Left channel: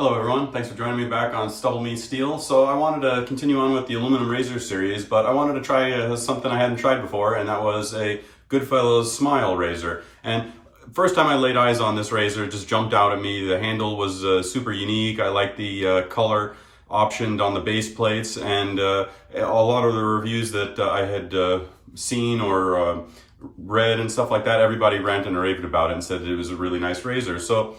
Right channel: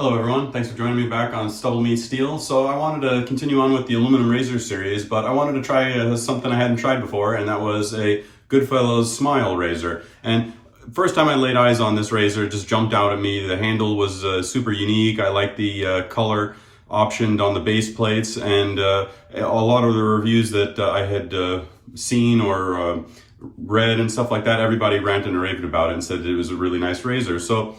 Hello everyone, thanks for joining me back on StubbleMeetsSteel. So I wanted to continue on with the aluminum razor series, but I wanted to try something I hadn't tried before, and that was a Goodfellas Smile Razor. And first time I laid eyes on this razor, it just jumped out at me. The handle was super unique. I like the color optioned on the base plates, and a lot of the reviews that I had seen or read and stuff like that, everybody ranted and raved about it and said it was a really nice razor. So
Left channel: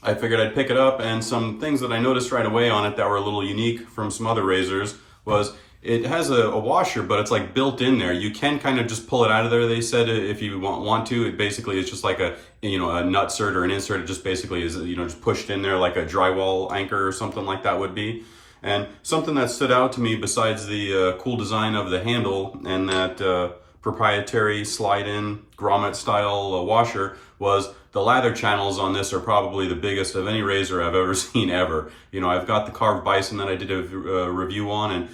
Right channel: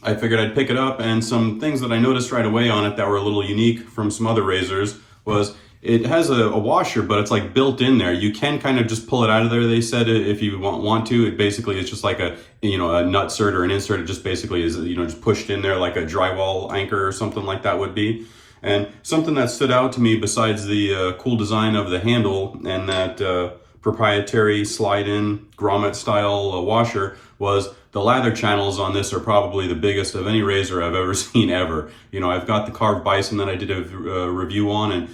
I figured I'd pick it up, and some things that I noticed right away on it that were a little unique from some other razors was it has a washer, but it's like built in there. You can kind of just pull it out of there, they said, if you want to. It basically is just like a nutsert or an insert. It just basically is, just pushed in there like a drywall anchor or something like that would be. And something that stood out to me besides the cool design of the handle and that proprietary slide-in grommet style washer was the lather channels on this are probably the biggest of any razor I've ever seen ever. I've got the carved bison that I did a review on, and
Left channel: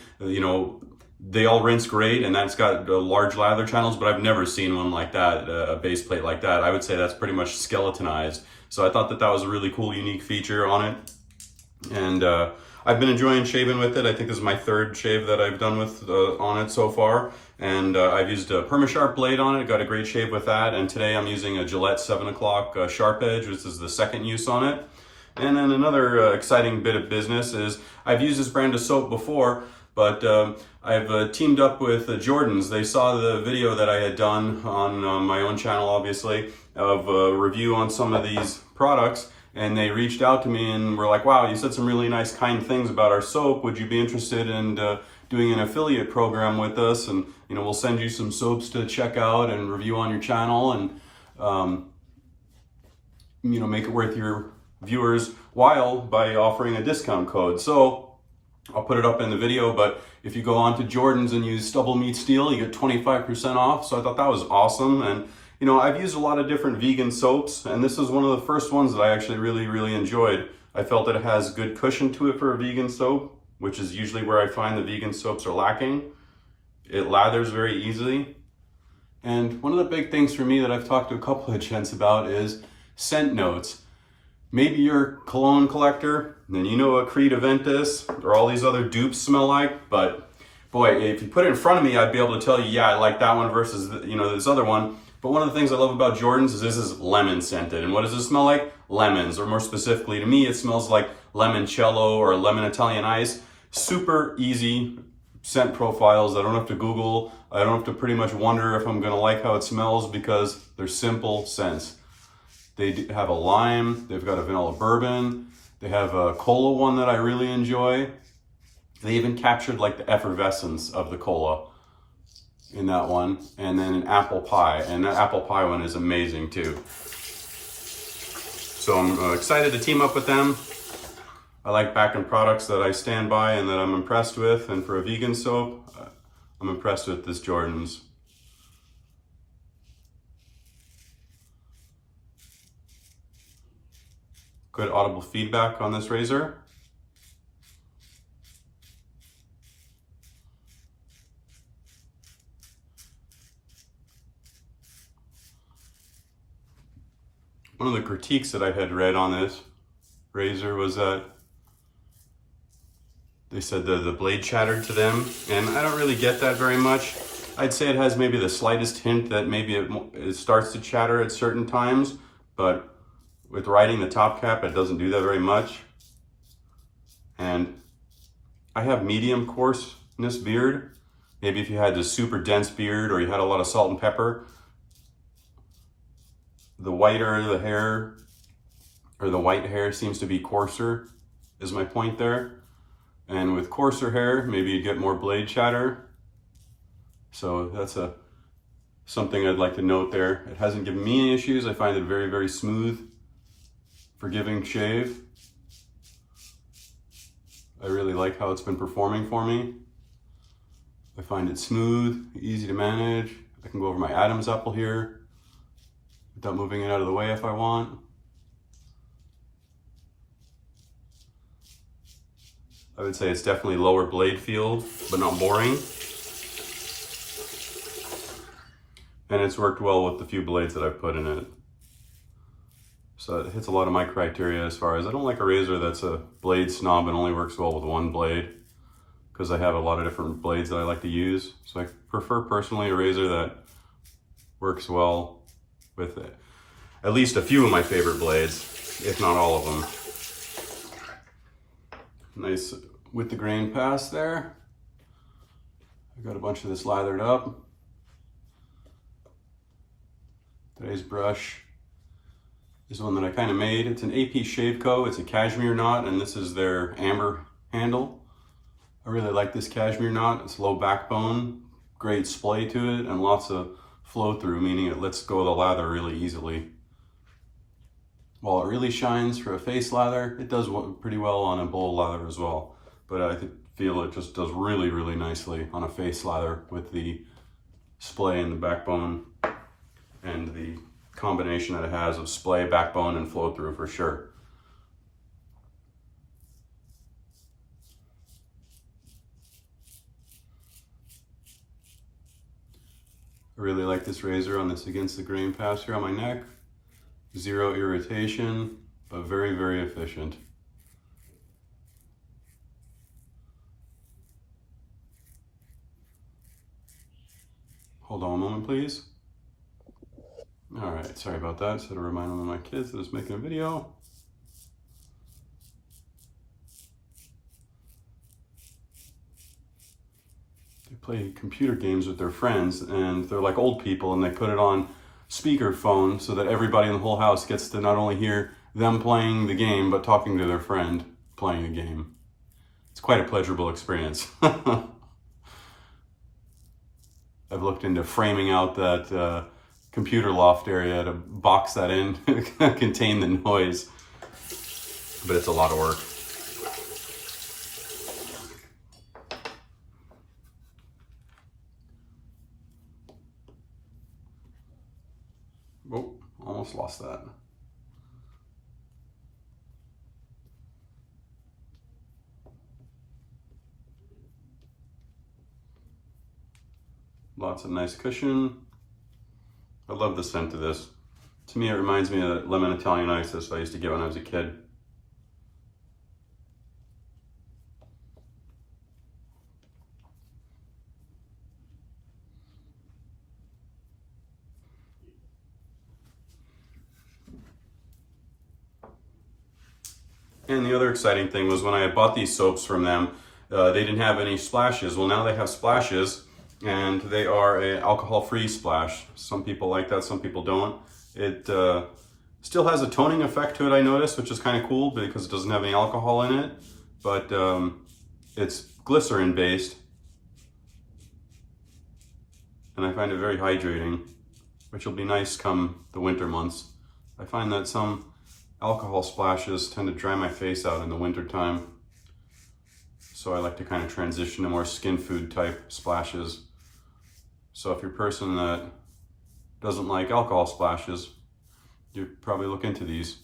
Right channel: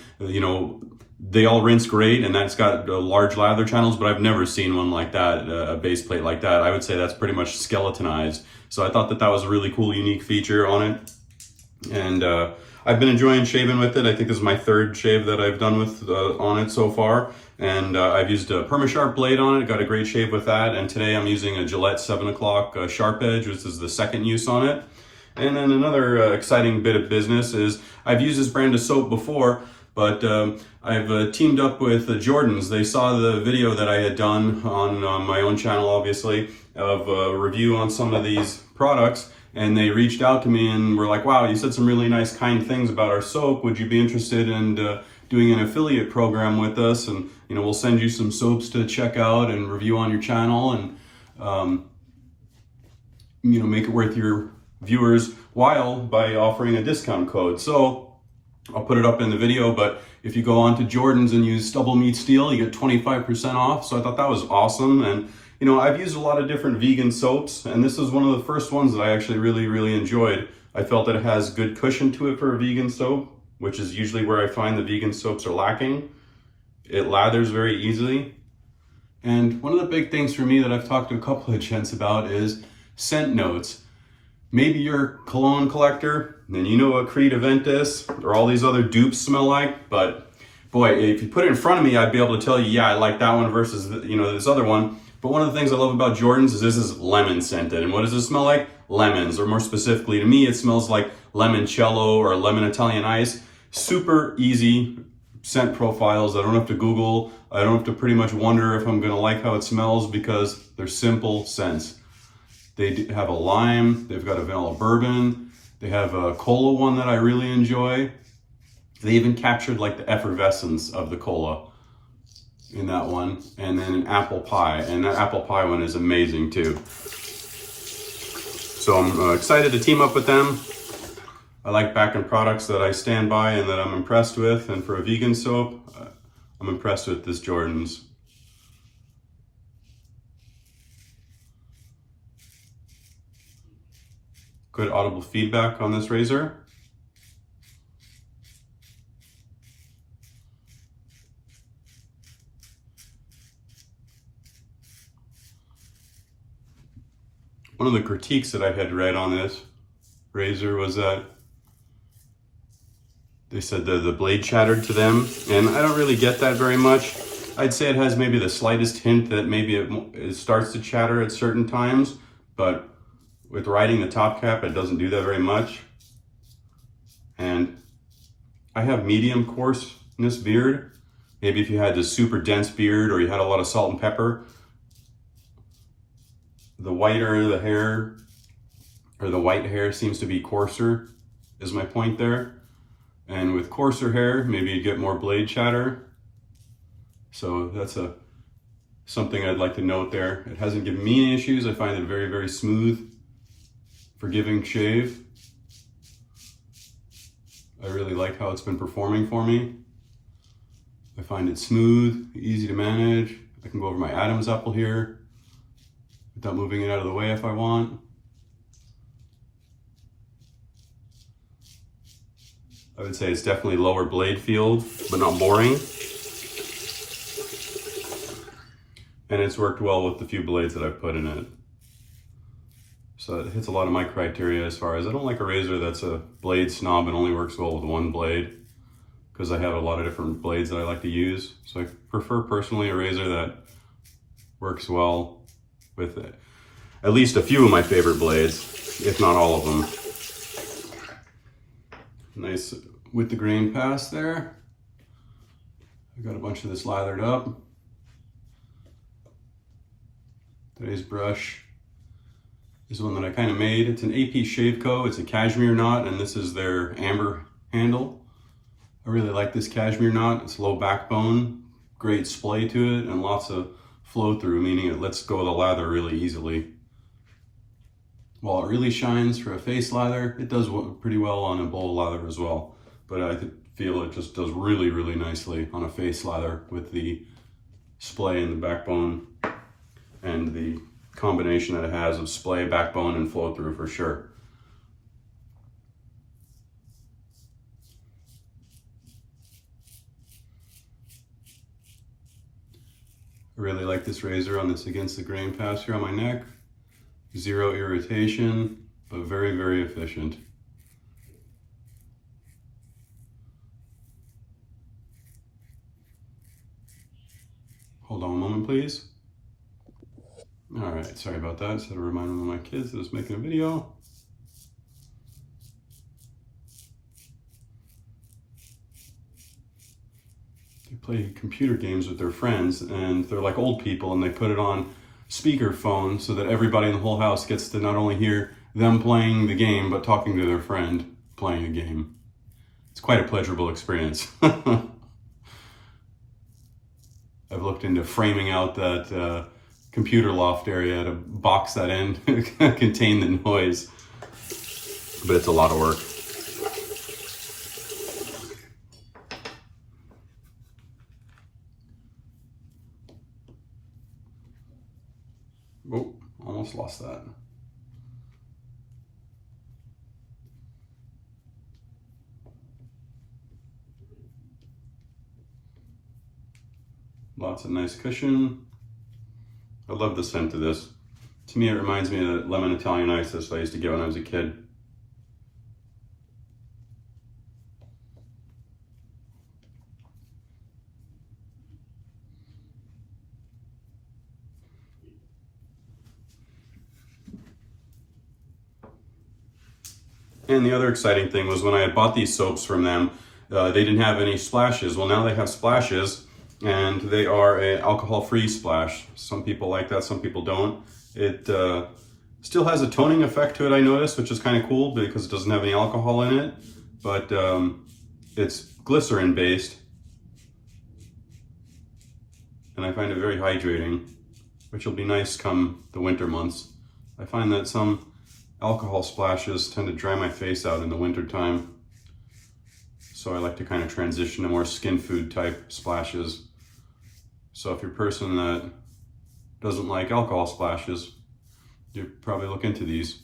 they all rinse great, and that's got large lather channels, but I've never seen one like that, a base plate like that. I would say that's pretty much skeletonized. So I thought that was a really cool, unique feature on it. And I've been enjoying shaving with it. I think this is my third shave that I've done with on it so far. And I've used a Perma-Sharp blade on it, got a great shave with that. And today I'm using a Gillette 7 o'clock sharp edge, which is the second use on it. And then another exciting bit of business is I've used this brand of soap before, but I've teamed up with Jordan's. They saw the video that I had done on my own channel, obviously, of a review on some of these products. And they reached out to me and were like, wow, you said some really nice, kind things about our soap. Would you be interested in doing an affiliate program with us? And, we'll send you some soaps to check out and review on your channel and, make it worth your viewers' while by offering a discount code. So I'll put it up in the video, but if you go on to Jordan's and use StubbleMeetsSteel, you get 25% off. So I thought that was awesome. And I've used a lot of different vegan soaps, and this is one of the first ones that I actually really, really enjoyed. I felt that it has good cushion to it for a vegan soap, which is usually where I find the vegan soaps are lacking. It lathers very easily. And one of the big things for me that I've talked to a couple of gents about is scent notes. Maybe you're a cologne collector, and you know what Creed Aventus or all these other dupes smell like, but boy, if you put it in front of me, I'd be able to tell you, yeah, I like that one versus, this other one. But one of the things I love about Jordan's is this is lemon scented. And what does it smell like? Lemons, or more specifically to me, it smells like limoncello or lemon Italian ice. Super easy scent profiles. I don't have to Google. I don't have to pretty much wonder if I'm gonna like how it smells because they're simple scents. They have a lime, they've got a vanilla bourbon, they have a cola one that I really enjoy. They even captured like the effervescence of the cola in that one, and then an apple pie, and that apple pie one is amazing too. So I'm excited to team up with them. I like backing products that I stand by and that I'm impressed with, and for a vegan soap, I'm impressed with this Jordan's. Good audible feedback on this razor. One of the critiques that I had read on this razor was that they said that the blade chattered to them, and I don't really get that very much. I'd say it has maybe the slightest hint that maybe it starts to chatter at certain times, but with riding the top cap, it doesn't do that very much. And I have medium coarseness beard. Maybe if you had this super dense beard or you had a lot of salt and pepper, the whiter the hair, or the white hair seems to be coarser, is my point there. And with coarser hair, maybe you'd get more blade chatter. So that's something I'd like to note there. It hasn't given me any issues. I find it a very, very smooth, forgiving shave. I really like how it's been performing for me. I find it smooth, easy to manage. I can go over my Adam's apple here without moving it out of the way if I want. I would say it's definitely lower blade field, but not boring. And it's worked well with the few blades that I've put in it. So it hits a lot of my criteria as far as I don't like a razor that's a blade snob and only works well with one blade, because I have a lot of different blades that I like to use. So I prefer personally a razor that works well with it. At least a few of my favorite blades, if not all of them. Nice with the grain pass there. I got a bunch of this lathered up. Today's brush is one that I kind of made. It's an AP Shave Co. It's a cashmere knot, and this is their amber handle. I really like this cashmere knot. It's low backbone, great splay to it, and lots of flow through, meaning it lets go of the lather really easily. While it really shines for a face lather, it does pretty well on a bowl lather as well. But I feel it just does really, really nicely on a face lather with the splay and the backbone and the combination that it has of splay, backbone, and flow through for sure. I really like this razor on this against the grain pass here on my neck. Zero irritation, but very, very efficient. Hold on a moment, please. All right, sorry about that. Just had to remind one of my kids that I was making a video. They play computer games with their friends, and they're like old people, and they put it on speakerphone so that everybody in the whole house gets to not only hear them playing the game, but talking to their friend playing the game. It's quite a pleasurable experience. I've looked into framing out that computer loft area to box that in, contain the noise, but it's a lot of work. Oh, almost lost that. Lots of nice cushion. I love the scent of this. To me, it reminds me of lemon Italian isis I used to get when I was a kid. And the other exciting thing was when I had bought these soaps from them, they didn't have any splashes. Well, now they have splashes, and they are an alcohol-free splash. Some people like that, some people don't. It still has a toning effect to it, I noticed, which is kind of cool because it doesn't have any alcohol in it, but it's glycerin based, and I find it very hydrating, which will be nice come the winter months. I find that some alcohol splashes tend to dry my face out in the winter time, so I like to kind of transition to more skin food type splashes. So if you're a person that doesn't like alcohol splashes, you'd probably look into these.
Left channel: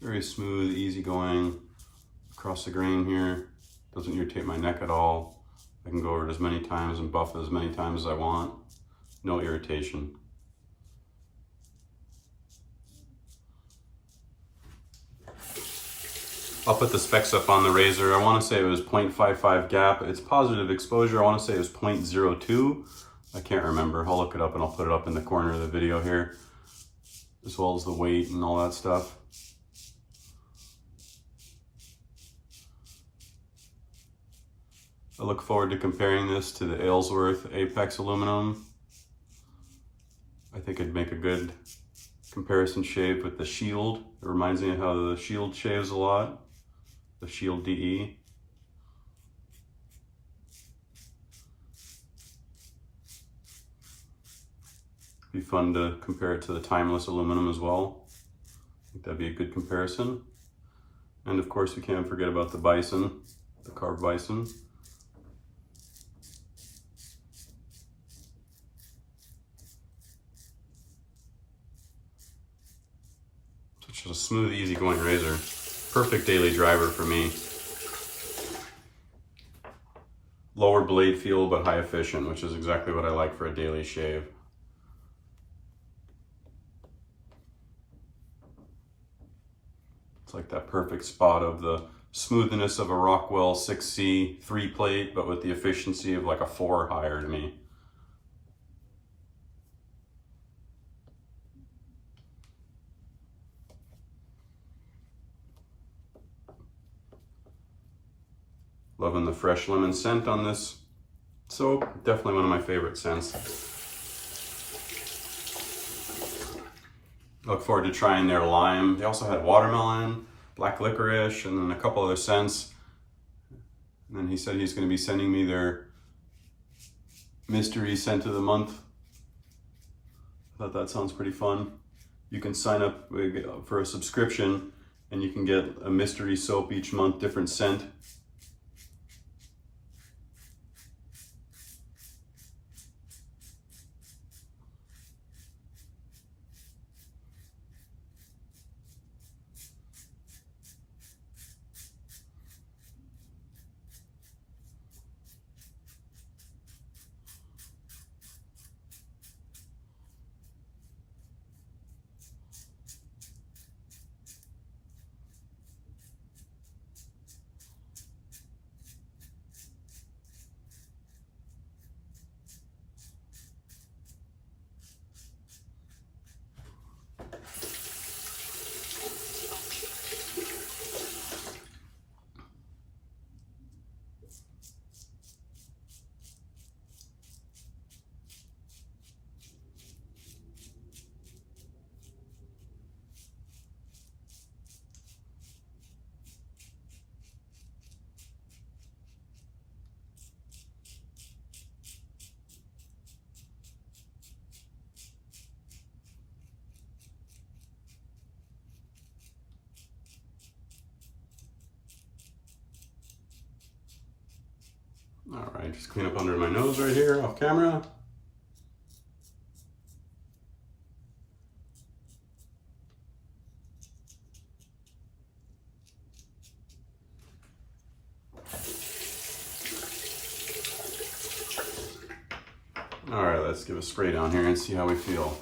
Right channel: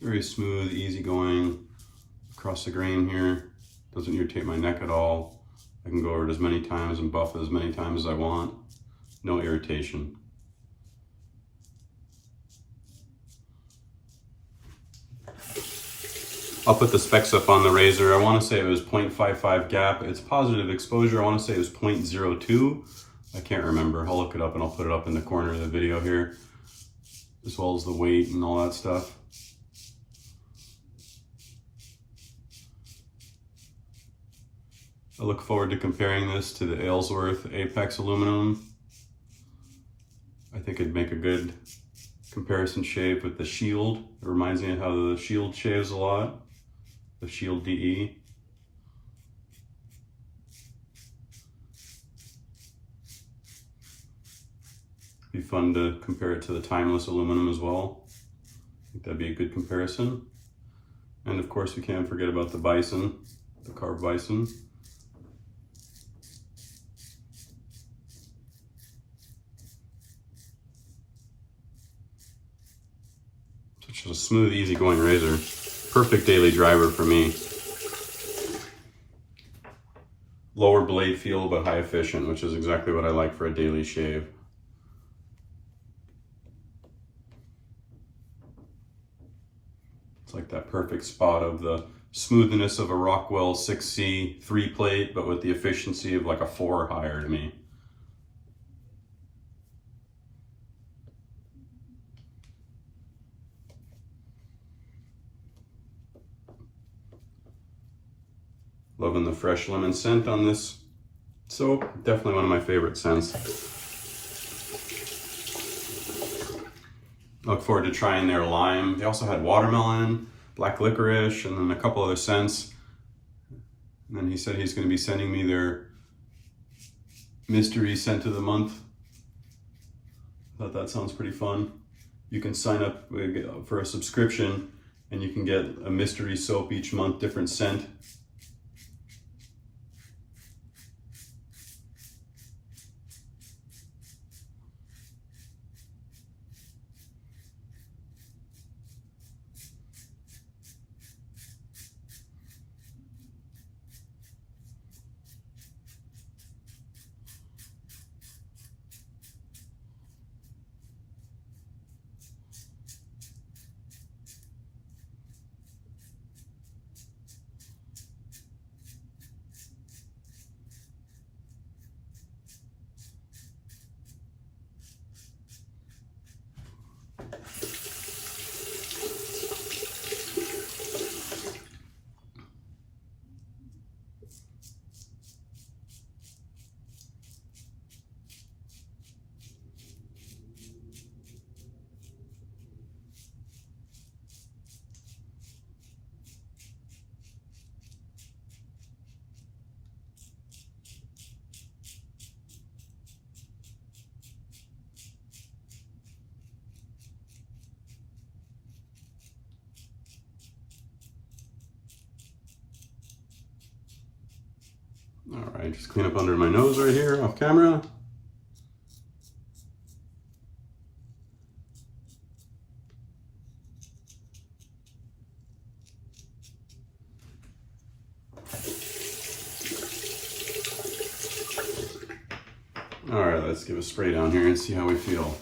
Very smooth, easy going across the grain here. Doesn't irritate my neck at all. I can go over it as many times and buff it as many times as I want. No irritation. I'll put the specs up on the razor. I want to say it was 0.55 gap. It's positive exposure. I want to say it was 0.02. I can't remember. I'll look it up and I'll put it up in the corner of the video here, as well as the weight and all that stuff. I look forward to comparing this to the Aylesworth Apex aluminum. I think it'd make a good comparison shave with the Shield. It reminds me of how the Shield shaves a lot, the Shield DE. Be fun to compare it to the Timeless aluminum as well. I think that'd be a good comparison. And of course we can't forget about the Bison, the carved Bison. which is a smooth, easygoing razor. Perfect daily driver for me. Lower blade feel, but high efficient, which is exactly what I like for a daily shave. It's like that perfect spot of the smoothness of a Rockwell 6C 3-plate, but with the efficiency of like a 4 or higher to me. Loving the fresh lemon scent on this soap. Definitely one of my favorite scents. I look forward to trying their lime. They also had watermelon, black licorice, and then a couple other scents. And then he said he's going to be sending me their mystery scent of the month. I thought that sounds pretty fun. You can sign up for a subscription and you can get a mystery soap each month, different scent. All right, just clean up under my nose right here off camera. All right, let's give a spray down here and see how we feel.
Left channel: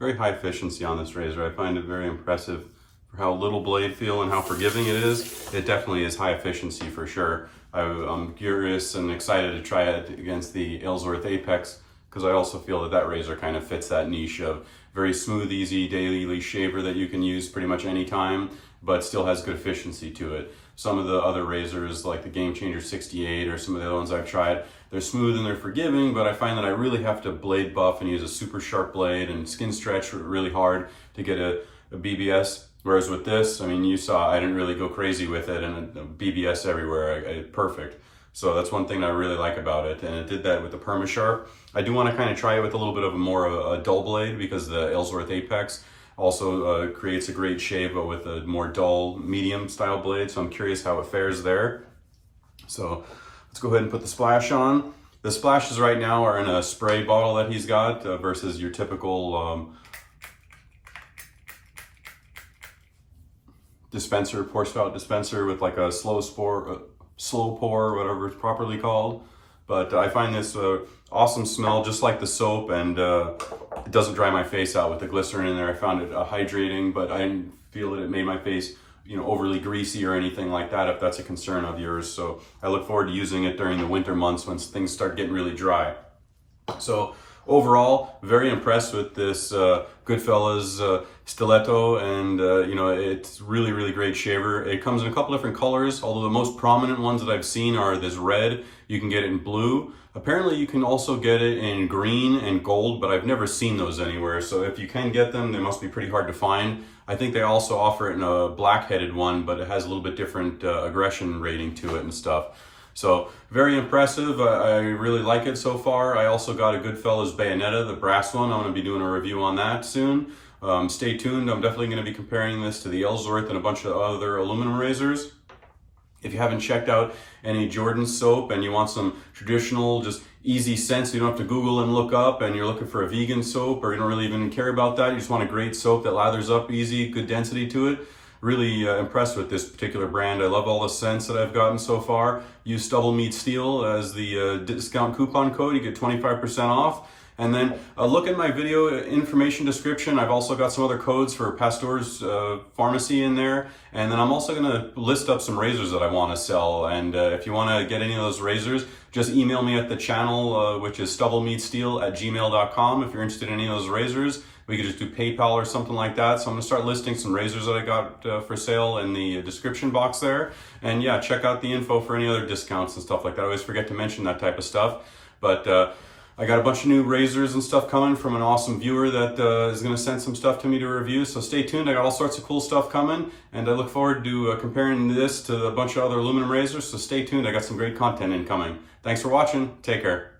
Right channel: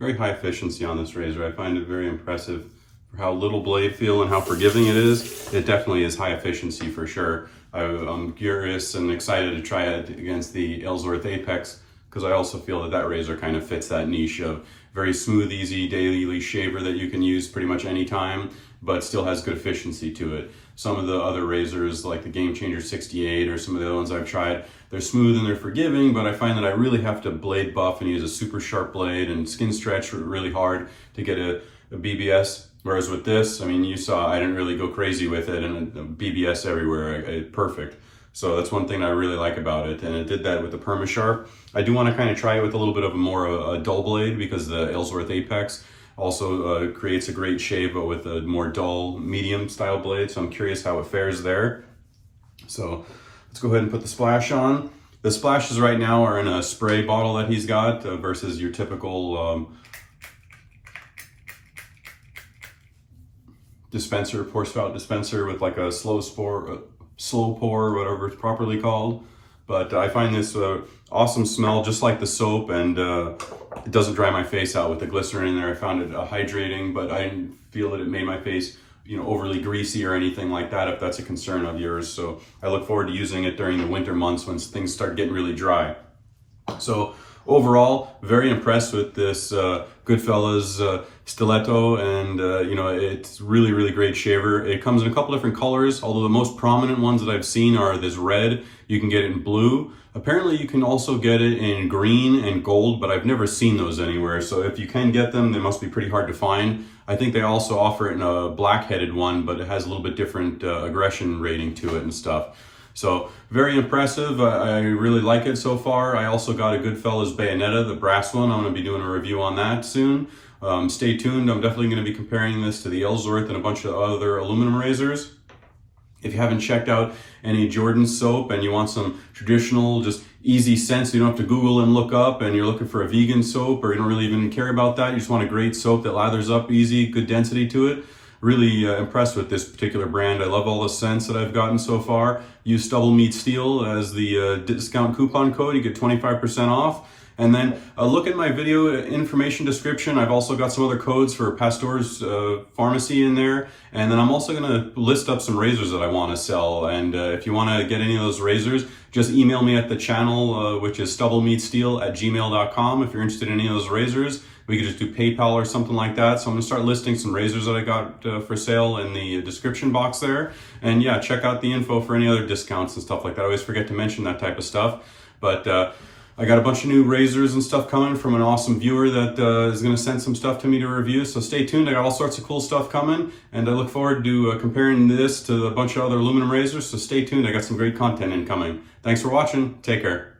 Very high efficiency on this razor. I find it very impressive for how little blade feel and how forgiving it is. It definitely is high efficiency for sure. I'm curious and excited to try it against the Ellsworth Apex because I also feel that that razor kind of fits that niche of very smooth, easy daily shaver that you can use pretty much any time, but still has good efficiency to it. Some of the other razors like the Game Changer 68 or some of the other ones I've tried, they're smooth and they're forgiving, but I find that I really have to blade buff and use a super sharp blade and skin stretch really hard to get a BBS. Whereas with this, I mean, you saw I didn't really go crazy with it and BBS everywhere, perfect. So that's one thing I really like about it, and it did that with the PermaSharp. I do want to kind of try it with a little bit of a dull blade because the Ellsworth Apex also creates a great shave, but with a more dull, medium style blade. So I'm curious how it fares there. So let's go ahead and put the splash on. The splashes right now are in a spray bottle that he's got versus your typical dispenser, pour spout dispenser with like a slow pour, whatever it's properly called. But I find this awesome smell, just like the soap, and it doesn't dry my face out with the glycerin in there. I found it hydrating, but I didn't feel that it made my face, overly greasy or anything like that, if that's a concern of yours. So I look forward to using it during the winter months when things start getting really dry. So overall, very impressed with this Goodfellas Stiletto, and it's really, really great shaver. It comes in a couple different colors, although the most prominent ones that I've seen are this red. You can get it in blue. Apparently you can also get it in green and gold, but I've never seen those anywhere. So if you can get them, they must be pretty hard to find. I think they also offer it in a black-headed one, but it has a little bit different aggression rating to it and stuff. So very impressive. I really like it so far. I also got a Goodfellas Bayonetta, the brass one. I'm going to be doing a review on that soon. Stay tuned. I'm definitely going to be comparing this to the Ellsworth and a bunch of other aluminum razors. If you haven't checked out any Jordan soap and you want some traditional, just easy scents, you don't have to Google and look up, and you're looking for a vegan soap, or you don't really even care about that, you just want a great soap that lathers up easy, good density to it. Really impressed with this particular brand. I love all the scents that I've gotten so far. Use StubbleMeetsSteel as the discount coupon code. You get 25% off. And then look at my video information description. I've also got some other codes for Pasteur's Pharmacy in there. And then I'm also going to list up some razors that I want to sell. And if you want to get any of those razors, just email me at the channel, which is StubbleMeetsSteel@gmail.com. If you're interested in any of those razors, we could just do PayPal or something like that. So I'm going to start listing some razors that I got for sale in the description box there. And yeah, check out the info for any other discounts and stuff like that. I always forget to mention that type of stuff. But I got a bunch of new razors and stuff coming from an awesome viewer that is going to send some stuff to me to review. So stay tuned. I got all sorts of cool stuff coming, and I look forward to comparing this to a bunch of other aluminum razors. So stay tuned. I got some great content incoming. Thanks for watching. Take care.